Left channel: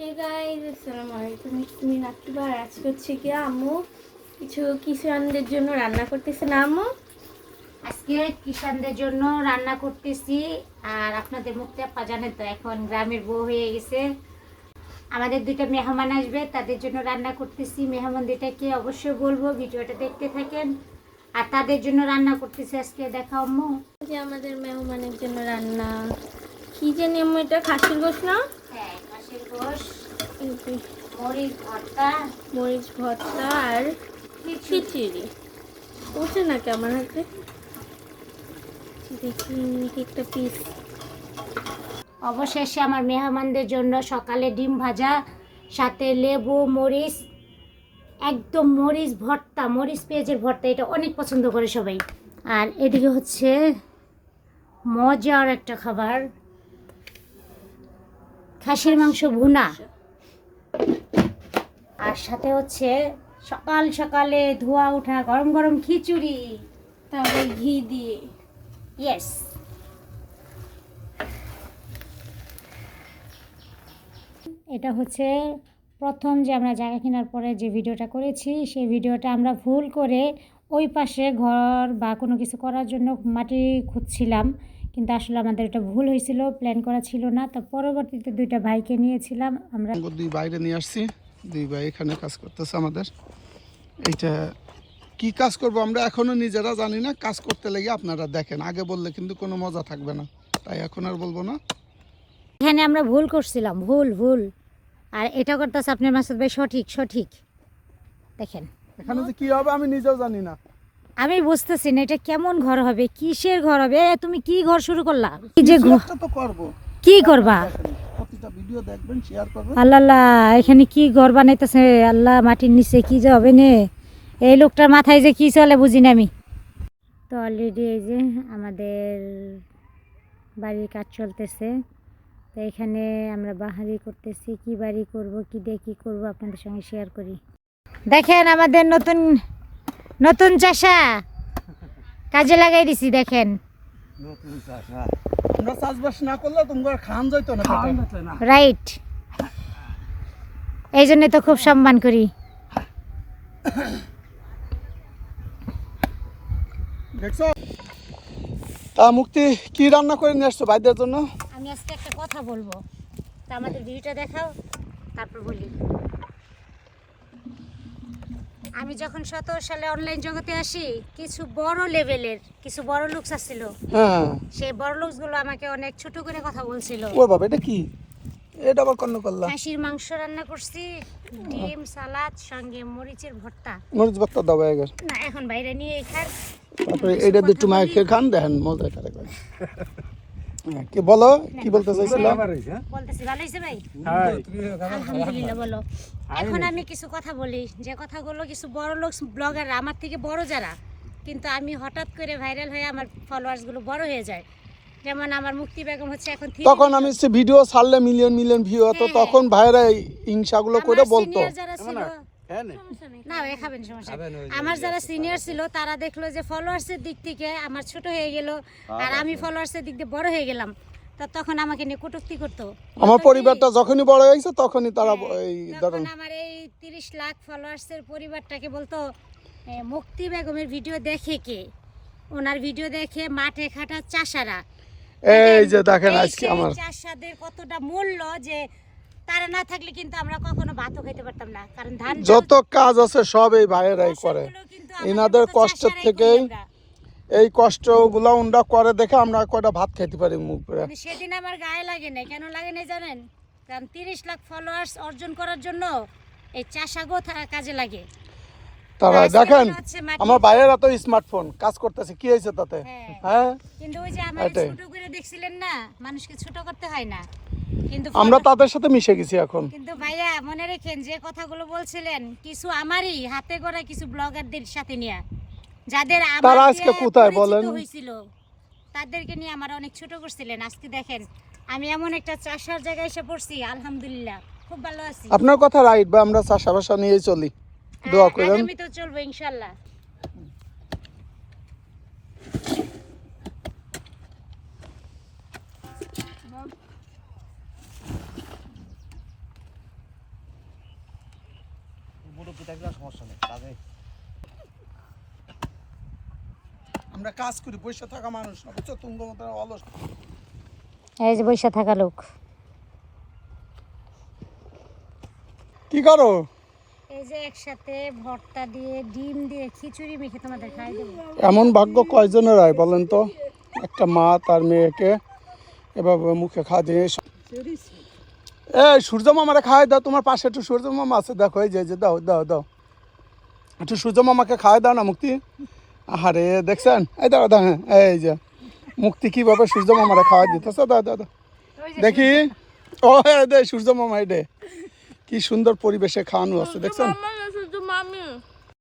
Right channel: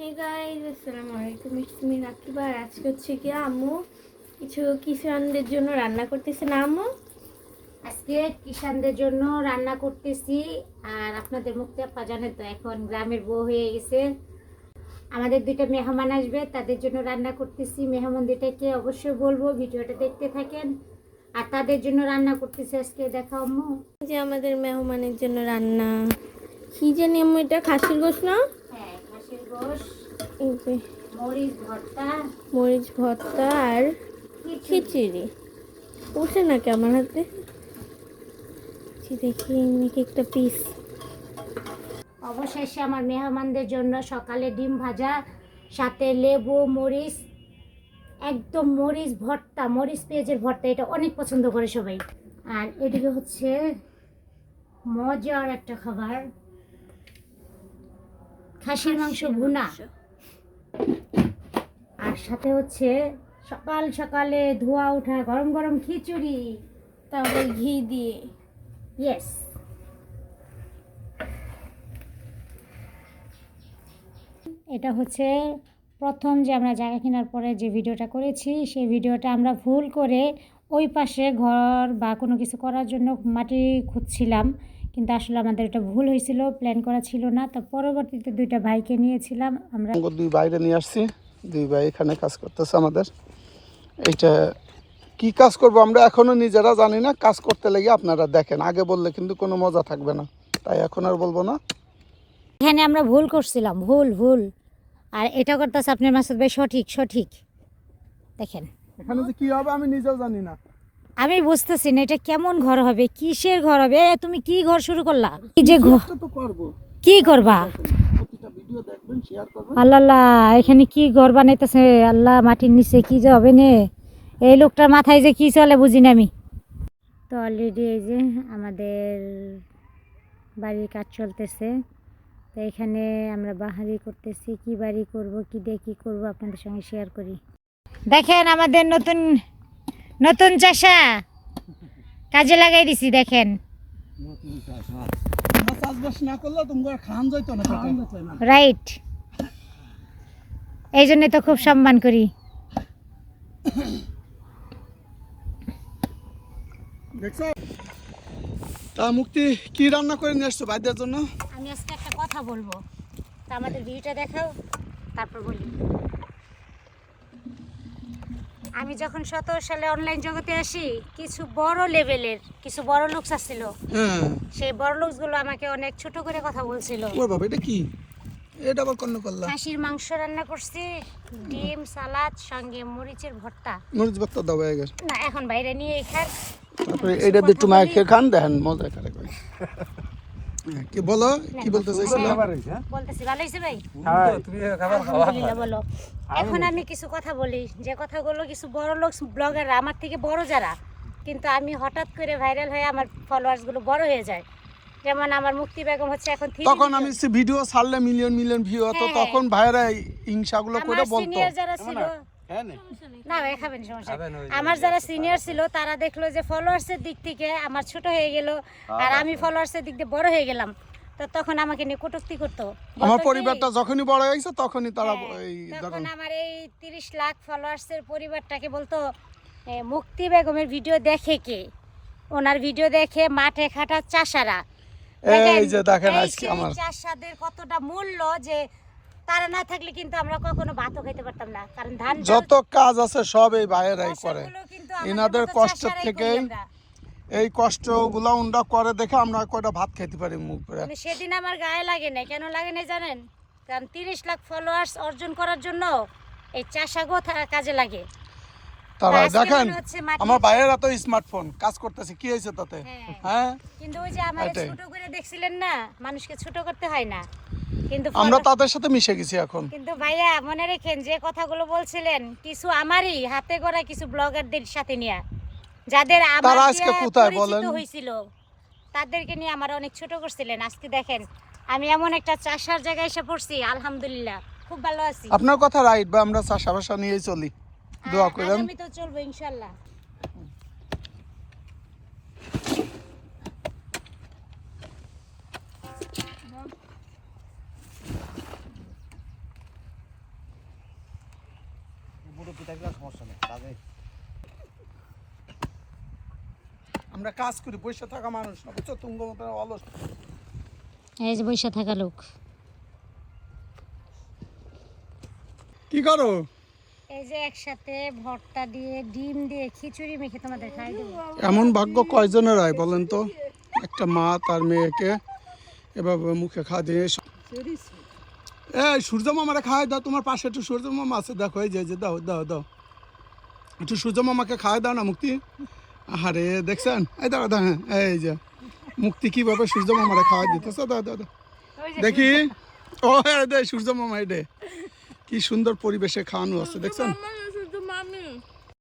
Hey guys আসসালামু আলাইকুম। ইসমি আজকে হচ্ছে কি আম্মু কিছু কিষানদের জন্য রান্না করতেছে না আম্মু? আজকে কিষানদের জন্য রান্না করতেছি আর আপনাদের মুখতে আপা জানেন তো এখন গ্রামের বউ হয়ে গেছে। আমাদের দুইটা মেহমান আসবে তাদের জন্য রান্না করতেছি। মেহমান দুইটাকে অবশ্যই বলব ভিডিওটা দেখতে থাকেন। আর তাদের জন্য রান্না করতেছি আজকে দেখা আম্মু। যে আমাদের মেহমানের জন্য রান্না। কি জানি আম্মু এটা খাসির গোস না? মরিচ ভর্তা। মরিচ ভর্তা আর খিচুড়ি। উঠে নাকি আমার হাতে? দেখি একটা পিস অবশেষে আমার মেহমানদের জন্য সকালে ডিম ভাজা সাথে লেবু মরিচ একদম মরিচ ভর্তা মরিচ পেঁয়াজের ভর্তা এটা অনেক পছন্দ করে সবাই। আর এদিকে হচ্ছে মজার একটা খাবার। খাসির মাংস ভুনা। আর সাথে হচ্ছে সকাল সকালে ধোয়া ওঠা গরম গরম খিচুড়ি, তারপরে ঘি দিয়ে। ইয়েস এটা হচ্ছে প্রথম যে আমরা জায়গা কেনার পরে যে ভিডিওটা করেছি, সেই ভিডিওটা আমরা ভুল করে ওই পাশে ঘর বা কোনো কিছু করার জন্য মাটি খুঁজছিলাম। কিন্তু আসলে আমাদের এটা ভুল হয়েছিল প্ল্যান করা ছিল না। তো পরবর্তীতে দুইটা ভাইকে নিয়েছিলাম আমরা দুই বাইরে নিয়ে আসছি। দুই ভাই এখানে কাজ করতেছে আমাদের। এটা কি কাজ করব আমরা এখনও নিজেরা জানি না। কাজ করতে লেগে আপনারা দেখেন আগে বললে কিন্তু কোনো মজা থাকবে না। তাই এখন আর বলব না। এখানে আমরা ভুল করছিলাম ভুল ভুল। আর এটা করতেছে আপনার মাসুদ ভাই সঠিক সঠিক। দেখেন। এখানে কি হবে আমি নিজেও জানি না। আমি বুঝতেছি না এটা কেমন ঘর হবে? কিসের ঘর হবে? এ, তুমি কি ঘর শুরু করলা? কি যে ঘর একটা তো করব। কি করবা? প্রতিটা ভিডিও দেখবেন শেয়ার করবেন। আল্লাহ আল্লাহ, এখানে কি ঘর বানাইতেছে? আল্লাহ মাটির নিচে কি যে হবে নে? এই লোকটার মাথায় যে কি চলে বুঝি না আমি। তো অলরেডি এই যে আমাদের বাড়ির কাজ চলতেছে। তো এখানে আমরা বাহারি করতেছি কি বাড়ি করব কি দিয়ে কি করব আপনাদের সঙ্গে শেয়ার করি। দেখেন আমাদের নতুন নতুন চাষা। কাজে লাগাই দিছি দেখেন। আমরা চাষবাস না করলে তোমার খান যাইতো না পেটে। রাইট। এই জন্য তো খুব সম্মান করি। তা মুক্তি কি রান্না করে নিয়ে আসছো ভাইদের জন্য? আমি আজকে একটা কথা বলব। তা আমাদের ভিডিওটা দেখাও তারপর বলি। আমি যখন সতেরো সালে অনলাইন জগতে আসি কিছু বড় লেভেলের কিছু বড় লোকস আসছিল। হ্যাঁ। সেই বড় লোকসগুলো আমাকে অনেক ছোট করে কথা বলছিল। ওর বাবা এটা কি? এটা আবার কন্ন করলা খাসির মাংস রান্না করছি ডিম সালাদ সঙ্গে মরিচের ভর্তা। মরিচ ভর্তা দাও এগের না এখন বাইরে নিয়ে খার। তারপরে এটা দিয়ে একটু খান দেখেন মজা করে হ্যাঁ, কি বলো কি বলতে চাইছিল? বলতেছি ভালো হয়েছে ভাই? আলহামদুলিল্লাহ বলো। এখন আমি কিছু কথা বলি যে কথাগুলো কিছু বড় লোক ব্লগার আমার থেকে বড় যারা কিন্তু আমি হঠাৎ করে ভাইরাল হয়ে আমার ফলোয়ার্সগুলো বড় হয়ে যায়। যেমন আমার মুক্তি বেগম হচ্ছে এখন তখন আমি সে ভিডিও ছাড়লে মিলিয়ন মিলিয়ন ভিউ হতো হ্যাঁ। তখন ভাইরা হিংসাগুলো করে বলতো। সিনিয়র যারা ছিল না। ভাই খাবেন। সমস্যা আমার যারা সিনিয়র ছিল তারা দেখল যে ফলোয়ার্স এর দিক থেকে আমার ছোট হয়ে গেল আর আমি ফলোয়ার্স এর দিক দিয়ে বড় হয়ে গেলাম। তো তখন আমাকে নিয়ে কটূক্তি করতো। আমার পরিবারটা যখনই বড় হয়ে গেছে তখনই তারা হ্যাঁ, এই তখন আমার এই তিরিশ লাখ ফলোয়ার্সের পরিবারটাকে বলতো মুক্তি বেগমের ভিডিও দেখে কে? ওনার ভিডিও দেখে মাঠে খাটা চাষারা। এই যে দেখেন আজকে সেই আমার। চাষাদের কতটা মূল্য যে তারা না থাকলে কিন্তু আমরা কখনো ভাতও খেতে পারতাম না। কারণ ধান যত কাজ আছে সব এই ভাইয়েরাই করে। এনাদের কষ্ট আমরা। এই কষ্টগুলো উন্ডা করে দেখে আমরা কয়টা ভাত খেতে পারি মুখ কিন্তু সেদিন আমার গায়ে লাগে না কেন লাগে না জানেন? কারণ তিরিশ লাখ ফলোয়ার্স অর্জন করার জন্য এই চাষাগো কাজে লাগে। তারা দেখেন আমার বাইরের তো স্মার্টফোন কাজ করতেছে কি হয়েছে তাতে? হ্যাঁ। হ্যাঁ? কিন্তু ওই যে আমার ছোট করে দেখছিলেন না মানুষকে ছোট করতে হয় না। কিন্তু আমরা তাদের সাথে মিশে গেছি এখন। কিন্তু ভাইয়া মনে রেখেন যে কথাগুলো বলছিলেন কিছু আমারই হাতে গড়া কিছু ব্লগারদের সাথে নিয়ে। যাদের আমার আজকে কোথায় বলেন? হয়েছিল তাদেরকে নিয়ে আমার অনেক ছোট করছিলেন। আজকে দেখেন আমি এমন একটা চাষার জায়গায় এসে পড়ছি আলহামদুলিল্লাহ। খুব ভালো আছি। আপনার কথা রাইট বা আমরা চাষাবাসা নিয়েই চলি। দোয়া করেন। আগামী তো চলবো কাজে। আমরা কাজ করি বসে থাকা মানুষ না বুঝছ? তুঙ্গ মতো অলস। এই যে বৈশা থাকা লোক। কি করো? এই যে একসাথে ভর্তা দিয়ে ডিম দিয়ে খিচুড়ি মেখে তোমাদের খাই দেবো। এমন ভাগ্য কয়জনের হয় বলেন তো? একটা মা তার মেয়েকে এভাবে মুখে খা দিয়ে এ সূর্য মামারে খাওয়াই দাও তোমার পাশে একটু সূর্য মামা আছে দেখো এই যে দাও দাও দাও। একটু সূর্য মামাকে খাওয়াই দাও না মুক্তি? আরে দেখছেন? এই দাও দাও হ্যাঁ, এই যে। মুক্তি কীভাবে সূর্য মামারে খাওয়াই দিতেছে? দাও দাও দেখি। ও দে সূর্য মামা এডে কি সুন্দর পরিবেশে খাওয়ানো আছে দেখছেন?